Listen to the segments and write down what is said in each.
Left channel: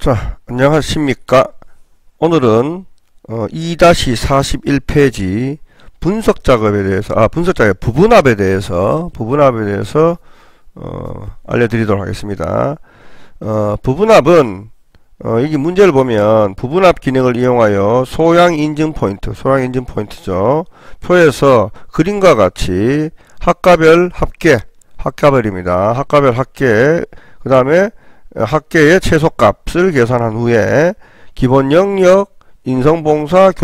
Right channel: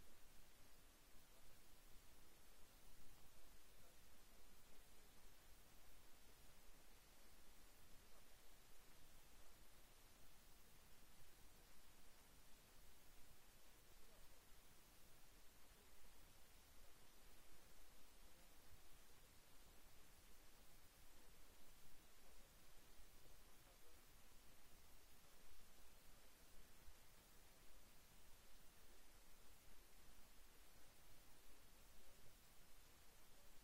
자, 안녕하십니까. 오늘은 2-41페이지 분석 작업에 대해서, 부분합에 대해서 알려드리도록 하겠습니다. 부분합은 여기 문제를 보면 부분합 기능을 이용하여 소양 인증 포인트죠. 표에서 그림과 같이 학과별 합계입니다. 학과별 합계, 그 다음에 합계의 최소값을 계산한 후에 기본 영역 인성봉사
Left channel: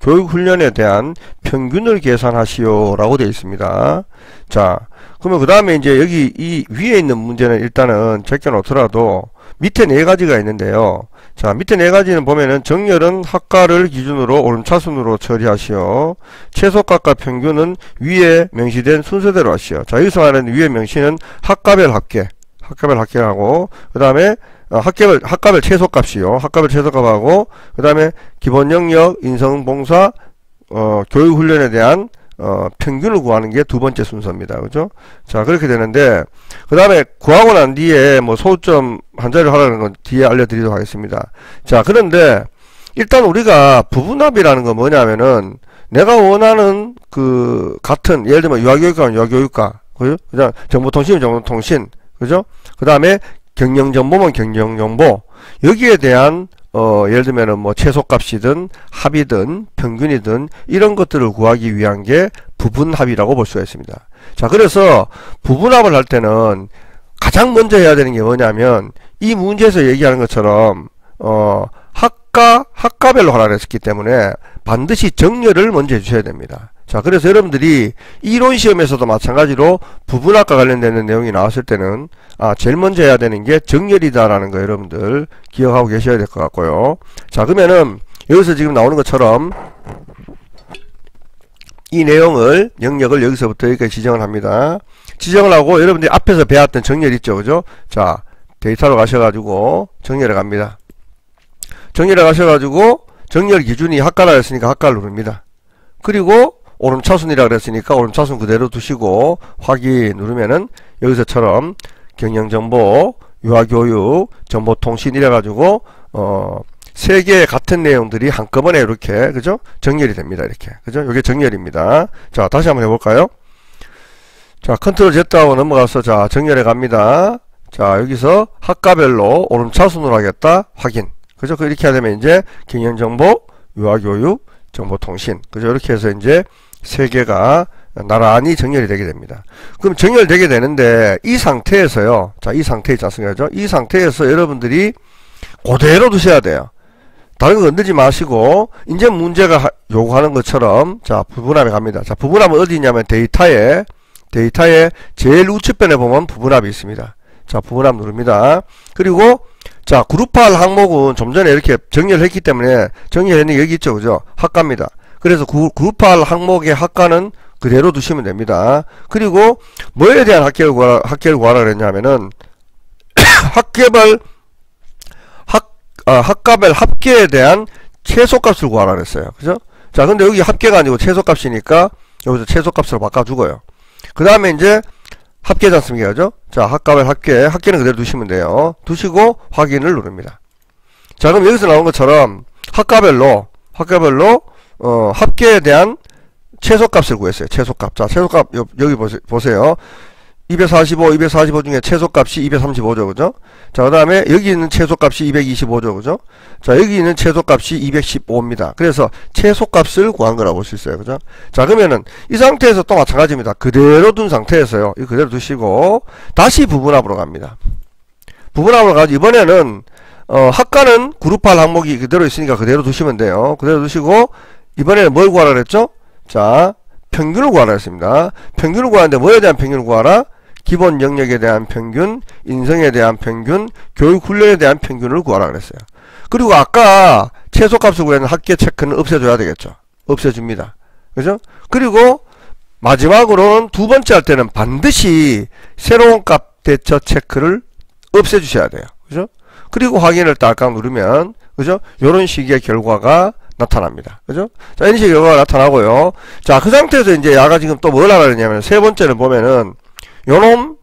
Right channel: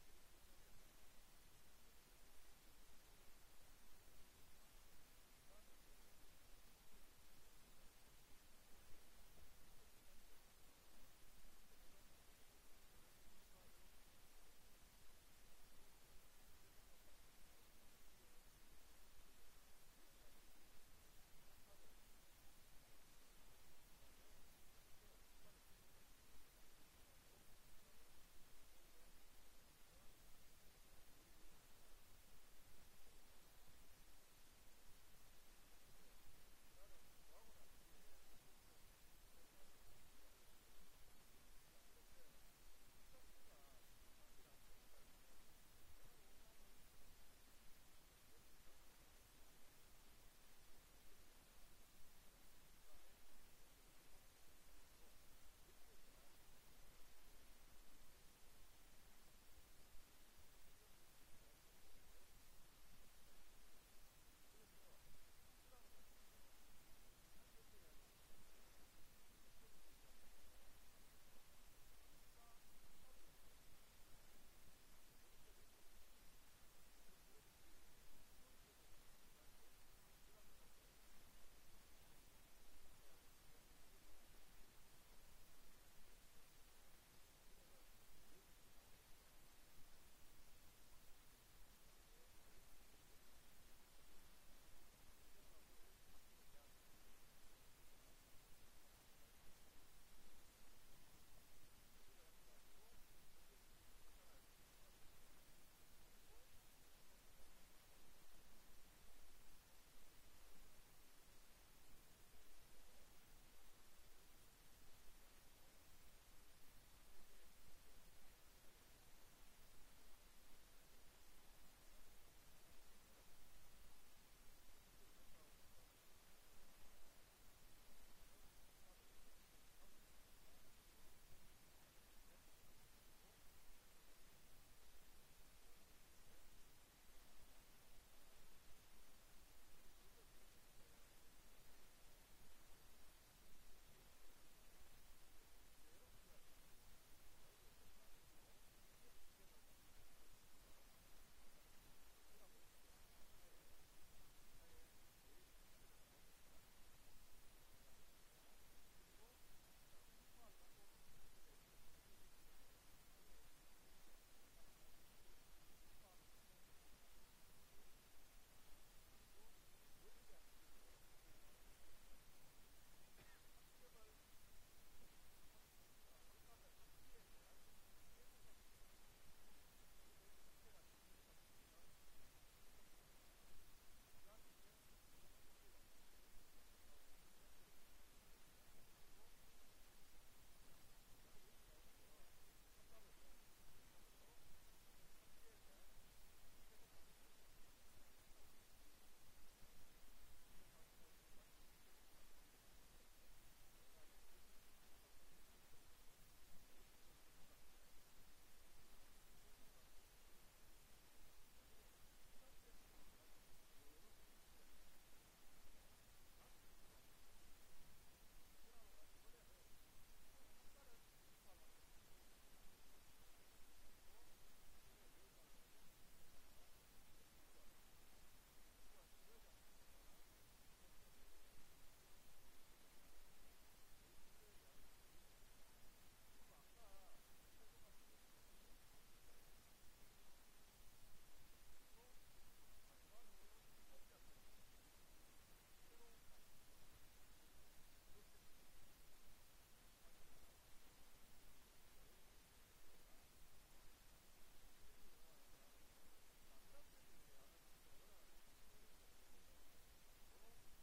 교육훈련에 대한 평균을 계산하시오 라고 되어 있습니다. 자, 그러면 그 다음에 이제 여기 이 위에 있는 문제는 일단은 제껴 놓더라도 밑에 네 가지가 있는데요. 자, 밑에 네 가지는 보면은 정렬은 학과를 기준으로 오름차순으로 처리하시오. 최소값과 평균은 위에 명시된 순서대로 하시오. 자, 여기서 말하는 위에 명시는 학과별 합계하고, 그 다음에 학과별 최소값이요. 학과별 최소값하고, 그 다음에 기본 영역 인성봉사 교육훈련에 대한 평균을 구하는 게 두 번째 순서입니다. 그죠? 자, 그렇게 되는데, 그 다음에 구하고 난 뒤에 뭐 소점 한 자리를 하라는 건 뒤에 알려드리도록 하겠습니다. 자, 그런데 일단 우리가 부분합이라는 건 뭐냐면은 내가 원하는 그 같은, 예를 들면 유아교육과, 그죠? 그다음 정보통신이면 정보통신, 그죠? 그 다음에 경영정보면 경영정보, 여기에 대한 예를 들면은 뭐 최소값이든 합이든 평균이든 이런 것들을 구하기 위한 게 부분합이라고 볼 수가 있습니다. 자, 그래서 부분합을 할 때는 가장 먼저 해야 되는 게 뭐냐면 이 문제에서 얘기하는 것처럼 학과별로 하라 했기 때문에 반드시 정렬을 먼저 해주셔야 됩니다. 자, 그래서 여러분들이 이론 시험에서도 마찬가지로 부분합과 관련되는 내용이 나왔을 때는 제일 먼저 해야 되는 게 정렬이다라는 거 여러분들 기억하고 계셔야 될 것 같고요. 자, 그러면은 여기서 지금 나오는 것처럼 이 내용을 영역을 여기서부터 여기까지 지정을 합니다. 지정을 하고 여러분들이 앞에서 배웠던 정렬 있죠, 그죠? 자, 데이터로 가셔가지고 정렬해 갑니다. 정렬해 가셔가지고 정렬 기준이 학과라 했으니까 학과를 누릅니다. 그리고 오름차순이라 그랬으니까 오름차순 그대로 두시고 확인 누르면은 여기서처럼 경영정보, 유아교육, 정보통신 이래가지고 세 개의 같은 내용들이 한꺼번에 이렇게, 그죠? 정렬이 됩니다. 이렇게, 그죠? 이게 정렬입니다. 자, 다시 한번 해볼까요? 자, 컨트롤 Z하고 넘어가서 자, 정렬해 갑니다. 자, 여기서 학과별로 오름차순으로 하겠다. 확인. 그죠? 이렇게 하면 이제 경영정보, 유아교육, 정보통신, 그죠? 이렇게 해서 이제 세 개가 나란히 정렬이 되게 됩니다. 그럼 정렬되게 되는데 이 상태에서요. 자, 이 상태 있지 않습니까? 이 상태에서 여러분들이 그대로 두셔야 돼요. 다른 거 건들지 마시고 이제 문제가 요구하는 것처럼 자, 부분합에 갑니다. 자, 부분합은 어디 있냐면 데이터에 제일 우측편에 보면 부분합이 있습니다. 자, 부분합 누릅니다. 그리고 자, 그룹화할 항목은 좀 전에 이렇게 정렬했기 때문에 정렬했는 게 여기 있죠, 그죠? 학과입니다. 그래서 그룹화할 항목의 학과는 그대로 두시면 됩니다. 그리고 뭐에 대한 학계를 구하라 그랬냐면은 학과별 합계에 대한 최소값을 구하라 그랬어요. 그죠? 자, 근데 여기 합계가 아니고 최소값이니까 여기서 최소값으로 바꿔주고요. 그 다음에 이제 합계지 않습니까? 그죠? 자, 학과별 합계는 그대로 두시면 돼요. 두시고 확인을 누릅니다. 자, 그럼 여기서 나온 것처럼 학과별로 합계에 대한 최소값을 구했어요. 최소값. 자, 최소값 여기 보세요. 245 중에 최소값이 235죠. 그죠? 자, 그 다음에 여기 있는 최소값이 225죠. 그죠? 자, 여기 있는 최소값이 215입니다. 그래서 최소값을 구한 거라고 볼 수 있어요. 그죠? 자, 그러면은 이 상태에서 또 마찬가지입니다. 그대로 둔 상태에서요. 이거 그대로 두시고 다시 부분합으로 갑니다. 부분합으로 가서 이번에는 학과는 그룹화할 항목이 그대로 있으니까 그대로 두시면 돼요. 그대로 두시고 이번에는 뭘 구하라 그랬죠? 자, 평균을 구하라 했습니다. 평균을 구하는데 뭐에 대한 평균을 구하라? 기본 영역에 대한 평균, 인성에 대한 평균, 교육 훈련에 대한 평균을 구하라 그랬어요. 그리고 아까 최소값을 구하는 합계 체크는 없애줘야 되겠죠. 없애줍니다. 그죠? 그리고 마지막으로는 두 번째 할 때는 반드시 새로운 값 대처 체크를 없애주셔야 돼요. 그죠? 그리고 확인을 딸깍 누르면, 그죠? 요런 식의 결과가 나타납니다. 그죠? 자, 이런 식의 결과가 나타나고요. 자, 그 상태에서 이제 야가 지금 또 뭘 하라 그러냐면 세 번째는 보면은 요놈,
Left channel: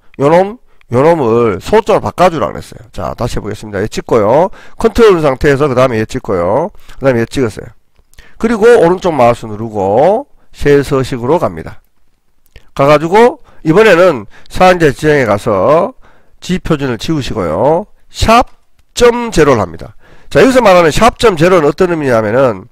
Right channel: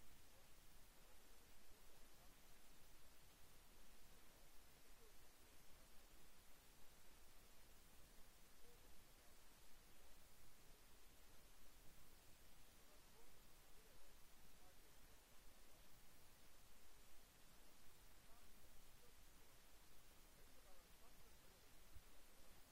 요놈을 소점을 바꿔주라 그랬어요. 자, 다시 해보겠습니다. 얘 찍고요. 컨트롤 상태에서 그 다음에 얘 찍고요. 그 다음에 얘 찍었어요. 그리고 오른쪽 마우스 누르고 쉘 서식으로 갑니다. 가가지고 이번에는 사인자 지정에 가서 G표준을 지우시고요. 샵.0를 합니다. 자, 여기서 말하는 샵.0는 어떤 의미냐면은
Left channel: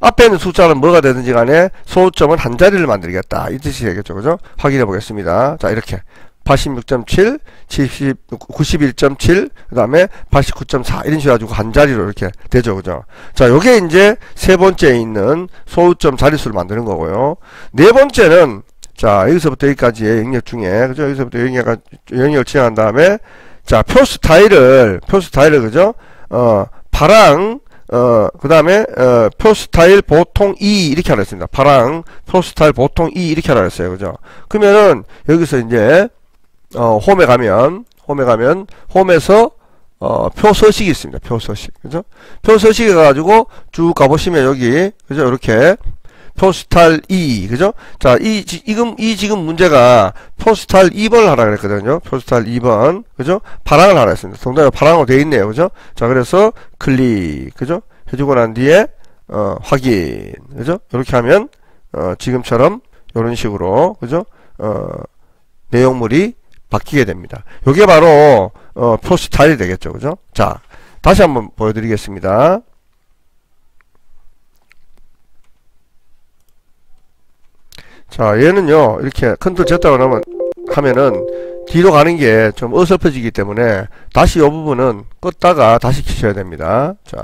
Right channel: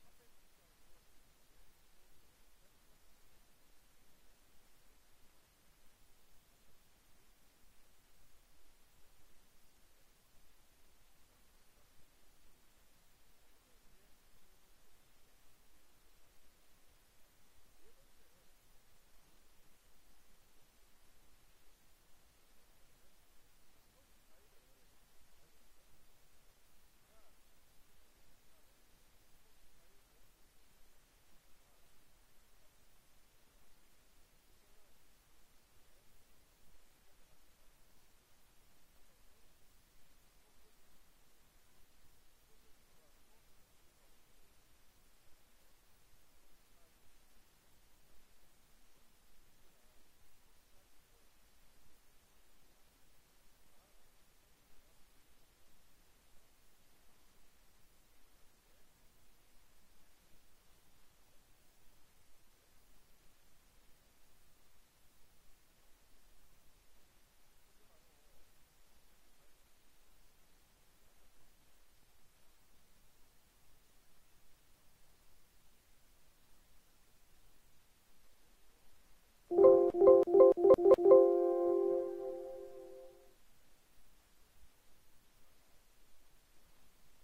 앞에 있는 숫자는 뭐가 되든지 간에 소점은 한 자리를 만들겠다. 이 뜻이 되겠죠. 그죠? 확인해 보겠습니다. 자, 이렇게 86.7, 91.7, 그 다음에 89.4 이런 식으로 가지고 한 자리로 이렇게 되죠. 그죠? 자, 요게 이제 세 번째에 있는 소수점 자릿수를 만드는 거고요. 네 번째는 자, 여기서부터 여기까지의 영역 중에, 그죠? 여기서부터 영역을 지정한 다음에, 자, 표 스타일을, 그죠? 파랑, 그 다음에, 표 스타일 보통 2 이렇게 하라 했습니다. 파랑, 표 스타일 보통 2 이렇게 하라 했어요. 그죠? 그러면은, 여기서 이제, 홈에 가면, 홈에서, 표 서식이 있습니다. 표 서식. 그죠? 표 서식에 가가지고 쭉 가보시면 여기, 그죠? 이렇게, 표스탈 2, 그죠? 자, 이 지금 문제가 표스탈 2번을 하라 그랬거든요. 표스탈 2번, 그죠? 파랑을 하라 했습니다. 동작이 파랑으로 되어 있네요. 그죠? 자, 그래서 클릭, 그죠? 해주고 난 뒤에, 확인, 그죠? 이렇게 하면, 지금처럼, 이런 식으로, 그죠? 내용물이 바뀌게 됩니다. 요게 바로, 표스타일이 되겠죠. 그죠? 자, 다시 한번 보여드리겠습니다. 자, 얘는요, 이렇게 컨트롤 Z라고 하면은 뒤로 가는 게 좀 어설퍼지기 때문에 다시 이 부분은 껐다가 다시 키셔야 됩니다. 자,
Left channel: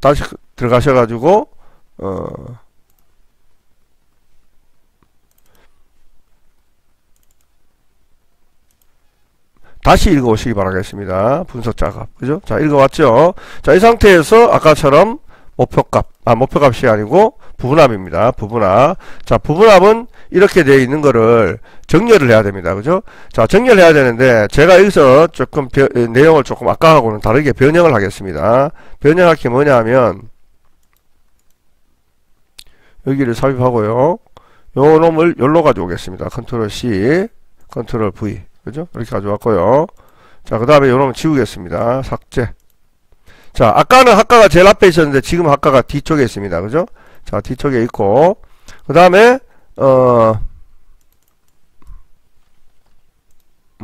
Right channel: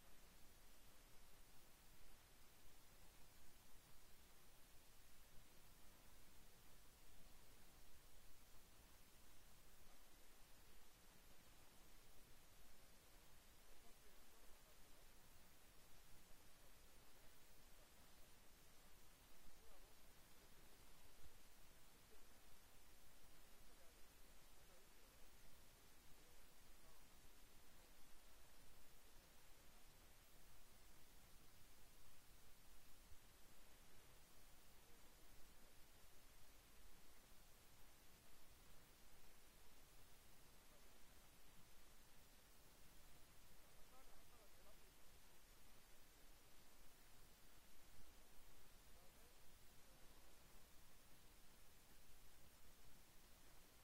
다시 들어가셔가지고, 다시 읽어오시기 바라겠습니다. 분석 작업. 그죠? 자, 읽어왔죠? 자, 이 상태에서 아까처럼 목표값이 아니고 부분합입니다. 부분합. 자, 부분합은 이렇게 되어 있는 거를 정렬을 해야 됩니다. 그죠? 자, 정렬해야 되는데 제가 여기서 조금 내용을 조금 아까하고는 다르게 변형을 하겠습니다. 변형할 게 뭐냐 하면 여기를 삽입하고요. 요 놈을 열로 가져오겠습니다. 컨트롤 C, 컨트롤 V. 그죠? 이렇게 가져왔고요. 자, 그 다음에 요 놈을 지우겠습니다. 삭제. 자, 아까는 학과가 제일 앞에 있었는데 지금 학과가 뒤쪽에 있습니다. 그죠? 자, 뒤쪽에 있고, 그 다음에, 뭐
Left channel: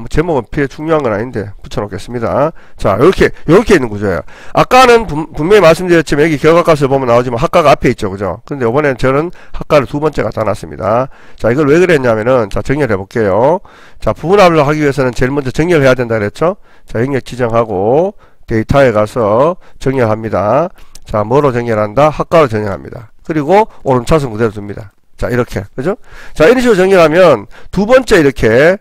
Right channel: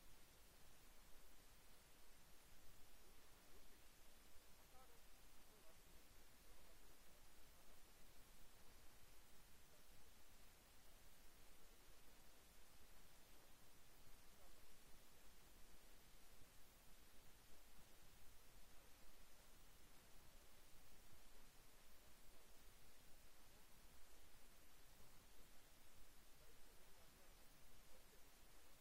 제목은 필요 중요한 건 아닌데, 붙여놓겠습니다. 자, 요렇게 있는 구조예요. 아까는 분명히 말씀드렸지만, 여기 결과값을 보면 나오지만, 학과가 앞에 있죠. 그죠? 근데 이번에는 저는 학과를 두 번째 갖다 놨습니다. 자, 이걸 왜 그랬냐면은, 자, 정렬해 볼게요. 자, 부분합을 하기 위해서는 제일 먼저 정렬해야 된다 그랬죠? 자, 영역 지정하고, 데이터에 가서 정렬합니다. 자, 뭐로 정렬한다? 학과로 정렬합니다. 그리고 오른차순 그대로 둡니다. 자, 이렇게. 그죠? 자, 이런 식으로 정렬하면 두 번째 이렇게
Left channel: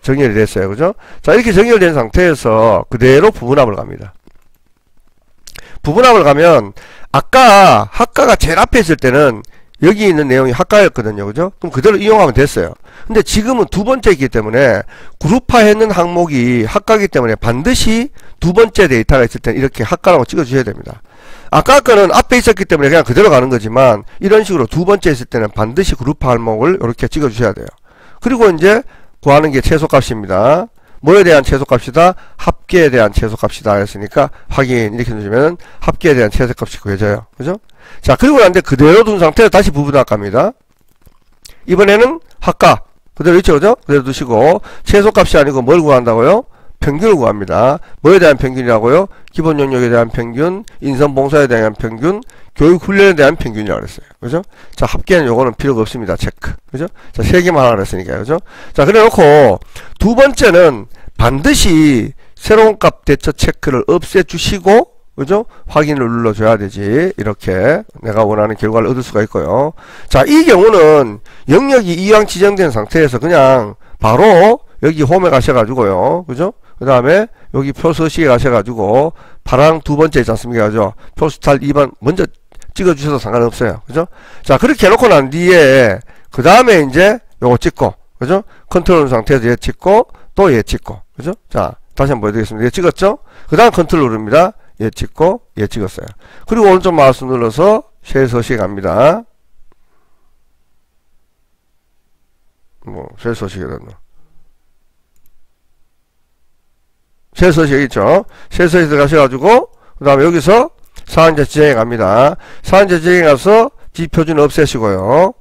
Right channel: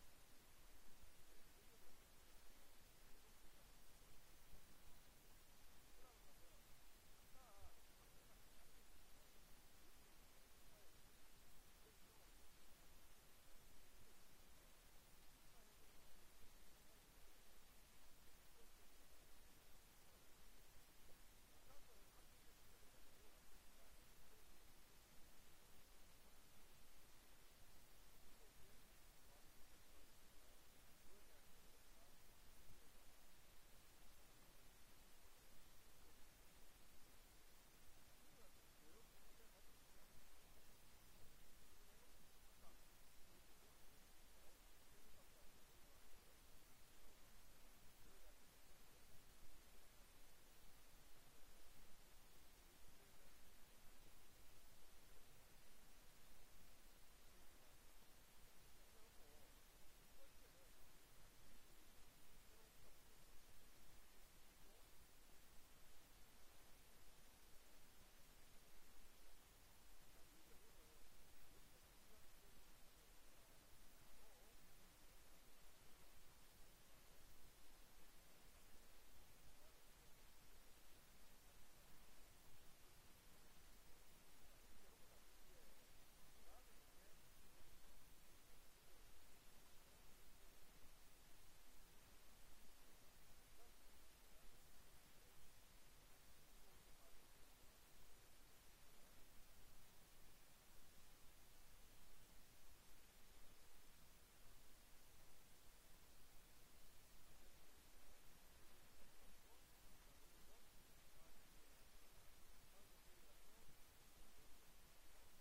정렬이 됐어요. 그죠? 자, 이렇게 정렬된 상태에서 그대로 부분합을 갑니다. 부분합을 가면 아까 학과가 제일 앞에 있을 때는 여기 있는 내용이 학과였거든요. 그죠? 그럼 그대로 이용하면 됐어요. 근데 지금은 두 번째이기 때문에 그룹화했는 항목이 학과이기 때문에 반드시 두 번째 데이터가 있을 때는 이렇게 학과라고 찍어주셔야 됩니다. 아까 거는 앞에 있었기 때문에 그냥 그대로 가는 거지만 이런 식으로 두 번째 있을 때는 반드시 그룹화 항목을 이렇게 찍어 주셔야 돼요. 그리고 이제 구하는 게 최소값입니다. 뭐에 대한 최소값이다? 합계에 대한 최소값이다 했으니까 확인 이렇게 누르면 합계에 대한 최소값이 구해져요. 그죠? 자, 그리고 난 뒤에 그대로 둔 상태에서 다시 부분합 갑니다. 이번에는 학과 그대로 있죠. 그죠? 그대로 두시고 최소값이 아니고 뭘 구한다고요? 평균을 구합니다. 뭐에 대한 평균이라고요? 기본 영역에 대한 평균, 인선 봉사에 대한 평균, 교육 훈련에 대한 평균이라고 그랬어요. 그죠? 자, 합계는 요거는 필요가 없습니다. 체크. 그죠? 자, 세 개만 하라 그랬으니까요. 그죠? 자, 그래 놓고 두 번째는 반드시 새로운 값 대처 체크를 없애 주시고 그죠? 확인을 눌러줘야 되지. 이렇게 내가 원하는 결과를 얻을 수가 있고요. 자, 이 경우는 영역이 이왕 지정된 상태에서 그냥 바로 여기 홈에 가셔가지고요. 그죠? 그 다음에 여기 표서식에 가셔가지고 파랑 두 번째 있지 않습니까? 그죠? 표스탈 2번 먼저 찍어주셔도 상관없어요. 그죠? 자, 그렇게 해놓고 난 뒤에 그 다음에 이제 요거 찍고 그죠? 컨트롤 상태에서 얘 찍고 또 얘 찍고 그죠? 자, 다시 한번 보여드리겠습니다. 얘 찍었죠? 그 다음 컨트롤 누릅니다. 얘 찍고 얘 찍었어요. 그리고 오른쪽 마우스 눌러서 쉘 서식에 갑니다. 뭐 쉘 서식에 넣는 셀서식 있죠. 셀서식 들어가셔가지고 그 다음에 여기서 사항자 지정에 갑니다. 사항자 지정에 가서 지표준 없애시고요.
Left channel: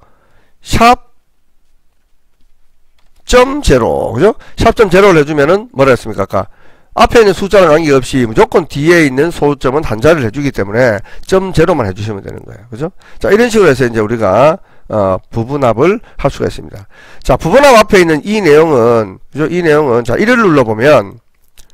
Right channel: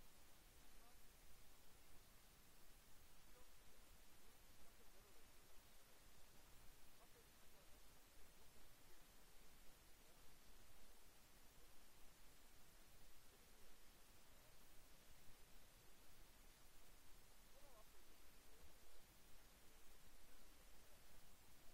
샵.0 그죠? 샵.0를 해주면은 뭐라 했습니까? 아까 앞에 있는 숫자랑 관계없이 무조건 뒤에 있는 소수점은 한자를 해주기 때문에 .0만 해주시면 되는 거예요. 그죠? 자, 이런 식으로 해서 이제 우리가 부분합을 할 수가 있습니다. 자, 부분합 앞에 있는 이 내용은, 그죠? 이 내용은, 자, 1을 눌러보면,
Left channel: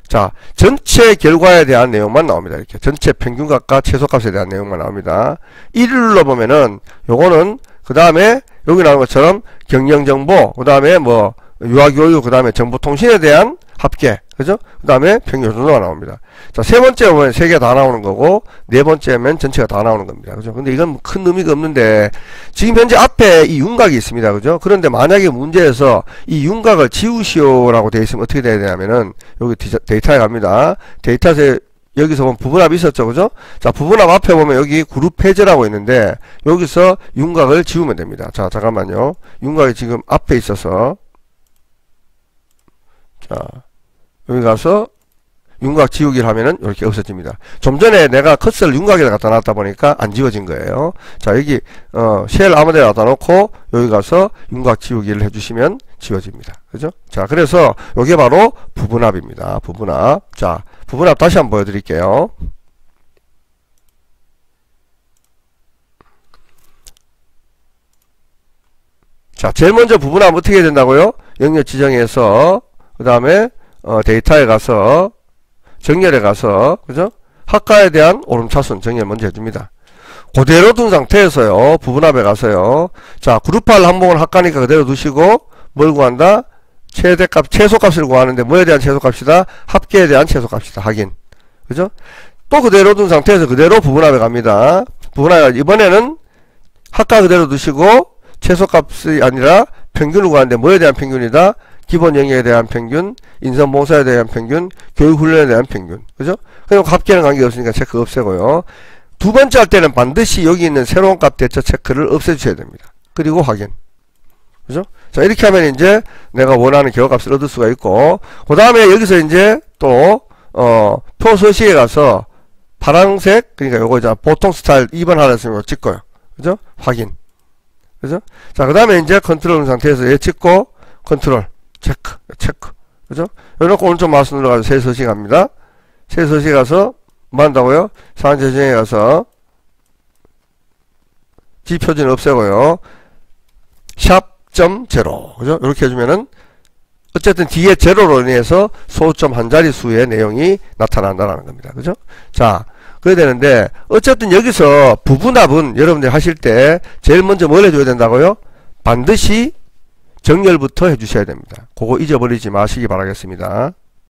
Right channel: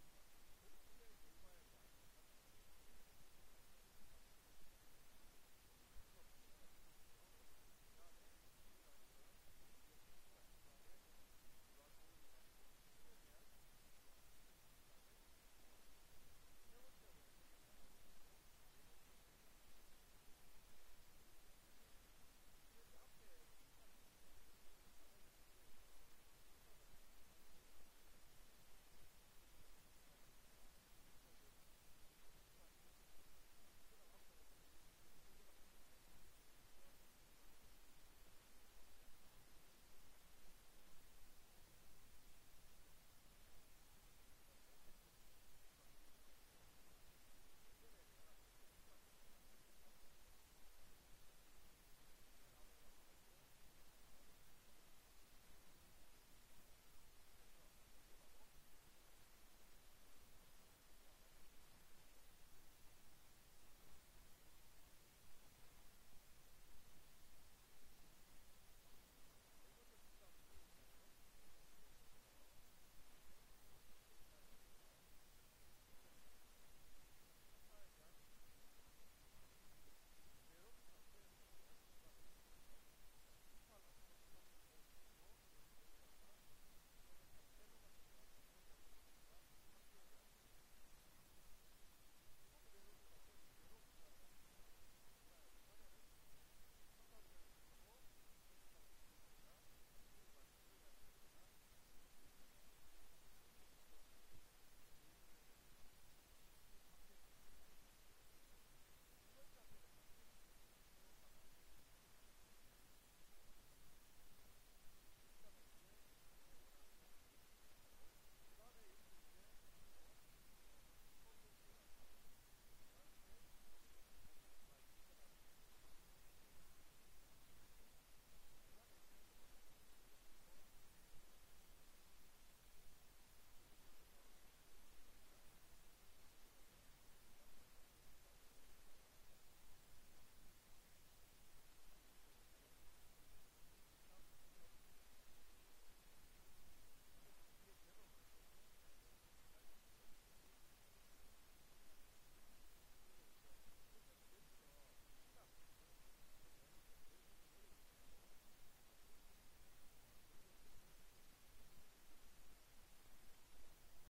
자, 전체 결과에 대한 내용만 나옵니다. 이렇게. 전체 평균값과 최소값에 대한 내용만 나옵니다. 1을 눌러보면은, 요거는, 그 다음에, 여기 나오는 것처럼 경영정보, 그 다음에 뭐, 유아교육, 그 다음에 정보통신에 대한 합계, 그죠? 그 다음에 평균 정도가 나옵니다. 자, 세 번째 보면 세 개 다 나오는 거고, 네 번째면 전체가 다 나오는 겁니다. 그죠? 근데 이건 큰 의미가 없는데, 지금 현재 앞에 이 윤곽이 있습니다. 그죠? 그런데 만약에 문제에서 이 윤곽을 지우시오라고 되어 있으면 어떻게 돼야 되냐면은, 여기 데이터에 갑니다. 데이터에서 여기서 보면 부분합이 있었죠. 그죠? 자, 부분합 앞에 보면 여기 그룹 해제라고 있는데, 여기서 윤곽을 지우면 됩니다. 자, 잠깐만요. 윤곽이 지금 앞에 있어서, 자, 여기 가서 윤곽 지우기를 하면은 이렇게 없어집니다. 좀 전에 내가 커서를 윤곽에다 갖다 놨다 보니까 안 지워진 거예요. 자, 여기 쉘 아무데나 갖다 놓고 여기 가서 윤곽 지우기를 해주시면 지워집니다. 그죠? 자, 그래서 이게 바로 부분합입니다. 부분합. 자, 부분합 다시 한번 보여드릴게요. 자, 제일 먼저 부분합 어떻게 해야 된다고요? 영역 지정해서 그 다음에 데이터에 가서 정렬에 가서 그죠? 학과에 대한 오름차순 정렬 먼저 해줍니다. 그대로 둔 상태에서요. 부분합에 가서요. 자, 그룹화를 항목은 학과니까 그대로 두시고 뭘 구한다? 최대값, 최소값을 구하는데 뭐에 대한 최소값이다? 합계에 대한 최소값이다. 확인. 그죠? 또 그대로 둔 상태에서 그대로 부분합에 갑니다. 부분합에 이번에는 학과 그대로 두시고 최소값이 아니라 평균을 구하는데 뭐에 대한 평균이다? 기본 영역에 대한 평균, 인성봉사에 대한 평균, 교육훈련에 대한 평균. 그죠? 그리고 합계는 관계없으니까 체크 없애고요. 두 번째 할 때는 반드시 여기 있는 새로운 값 대처 체크를 없애주셔야 됩니다. 그리고 확인. 그죠? 자, 이렇게 하면 이제 내가 원하는 결과값을 얻을 수가 있고, 그 다음에 여기서 이제 또, 표서식에 가서 파란색, 그러니까 요거 이제 보통 스타일 2번 하라 했으면 찍고요. 그죠? 확인. 그죠? 자, 그 다음에 이제 컨트롤 상태에서 얘 찍고, 컨트롤. 체크. 그죠? 이렇게 오른쪽 마우스 눌러가지고 새 서식 갑니다. 새 서식 가서, 뭐 한다고요? 상황 지정에 가서, 지표준 없애고요. 샵.0. 그죠? 이렇게 해주면은, 어쨌든 뒤에 제로로 인해서 소수점 한 자리 수의 내용이 나타난다는 겁니다. 그죠? 자, 그래야 되는데, 어쨌든 여기서 부분합은 여러분들 하실 때, 제일 먼저 뭘 해줘야 된다고요? 반드시 정렬부터 해주셔야 됩니다. 그거 잊어버리지 마시기 바라겠습니다.